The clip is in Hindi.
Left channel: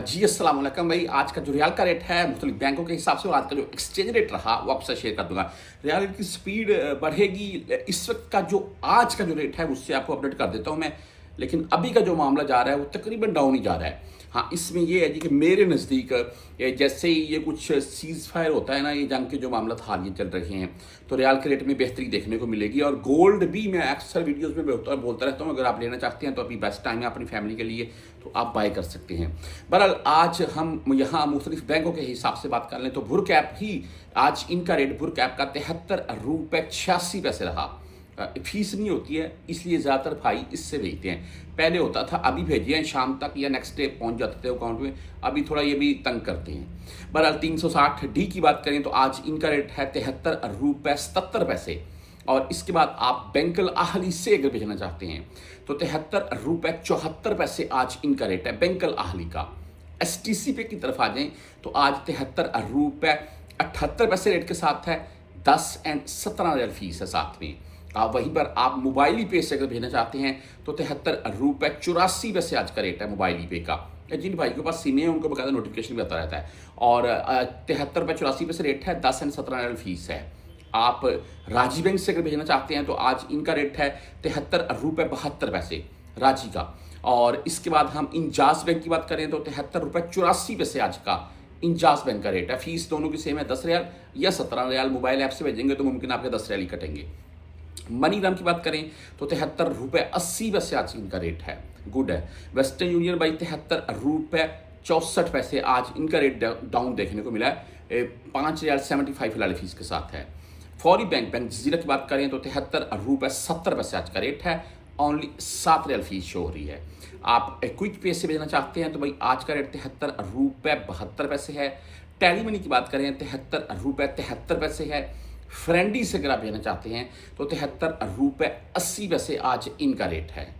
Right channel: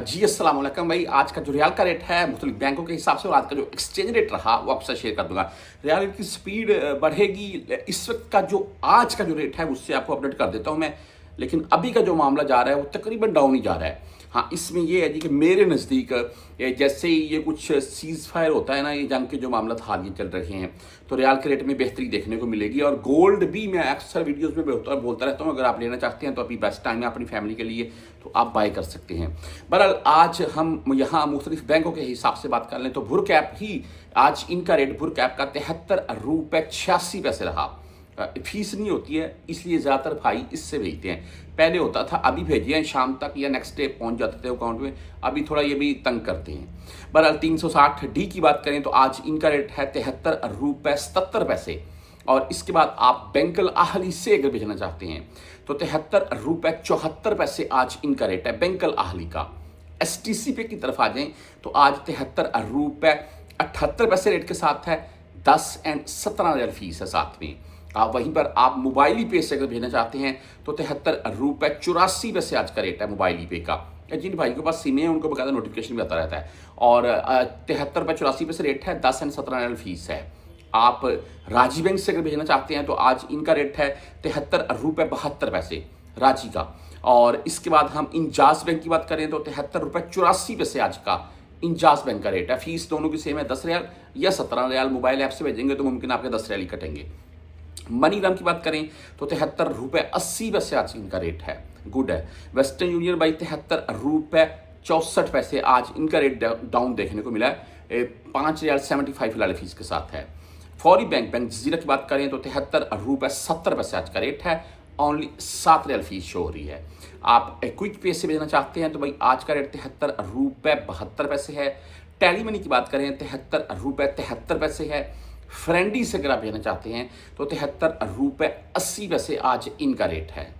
जी, अस्सलाम वालेकुम भाई। आज का जो रियाल का रेट है मुख्तलिफ बैंकों के हिसाब से आज का जो एक्सचेंज रेट रहा वो आपके साथ शेयर कर दूंगा। रियाल की स्पीड बढ़ेगी। इस वक्त का जो आज का जो रेट है उससे आपको अपडेट कर देता हूँ मैं। लेकिन अभी का जो मामला जा रहा है वो तकरीबन डाउन ही जा रहा है। हाँ, इसमें ये है जी कि मेरे नज़दीक जैसे ही ये कुछ सीज फायर होता है ना, ये जंग के जो मामला हाल ये चल रहे हैं, तो रियाल के रेट में बेहतरी देखने को मिलेगी। और गोल्ड भी मैं अक्सर वीडियोस में बोलता रहता हूँ, अगर आप लेना चाहते हैं तो अभी बेस्ट टाइम है अपनी फैमिली के लिए, तो आप बाय कर सकते हैं। बहरहाल आज हम यहाँ मुख्तलिफ बैंकों के हिसाब से बात कर लें तो भुर कैप ही आज इनका रेट भुर कैप का 73 रुपये 86 पैसे रहा। फीस नहीं होती है इसलिए ज़्यादातर भाई इससे भेजते हैं। पहले होता था, अभी भेजिए हैं शाम तक या नेक्स्ट डे पहुंच जाते थे अकाउंट में। अभी थोड़ा ये भी तंग करते हैं। बहरहाल 360D की बात करें तो आज इनका रेट है 73 रुपये 77 पैसे। और इसके बाद आप बैंकल आहली से अगर भेजना चाहते हैं तो 73 रुपये 74 पैसे आज इनका रेट है बैंकल आहली का। STC पे की तरफ आ जाएं तो आज 73 रुपये 78 पैसे रेट के साथ है। 10 एंड 17 रियाल फीस है साथ में। वहीं पर आप मोबाइल पे से अगर भेजना चाहते हैं तो 73 रुपये 84 पैसे आज का रेट है मोबाइल पे का। जिन भाई के पास सिम है उनको बकायदा नोटिफिकेशन भी आता रहता है। और 73 रुपये 84 पैसे रेट है। 10 एंड 17 रियाल फीस है। आप राजी बैंक से अगर भेजना चाहते हैं तो आज इनका रेट है 73 रुपये 72 पैसे राजी का। और इसके बाद हम इंजाज बैंक की बात करें तो 73 रुपये 84 पैसे आज का इंजाज बैंक का रेट है। फीस दोनों की सेम है, 10 रियाल या 17 रियाल। मोबाइल ऐप से भेजेंगे तो मुमकिन आपके 10 रियाल ही कटेंगे। मनीग्राम की बात करें तो 73 रुपये 80 पैसे आज इनका रेट है, गुड है। वेस्टर्न यूनियन भाई 73 रुपये 64 पैसे आज इनका रेट डाउन देखने को मिला है। 5 रियाल 75 फिलहाल फीस के साथ है। फौरी बैंक जजीरा की बात करें तो 73 रुपये 70 पैसे आज का रेट है। ओनली 7 रियाल फीस शो हो रही है। आप क्विक पे से भेजना चाहते हैं तो भाई आज का रेट 73 रुपये 72 पैसे है। टेली मनी की बात करें 73 रुपये 73 पैसे है। फ्रेंडी से अगर आप लेना चाहते हैं तो 73 रुपये 80 पैसे आज इनका रेट है।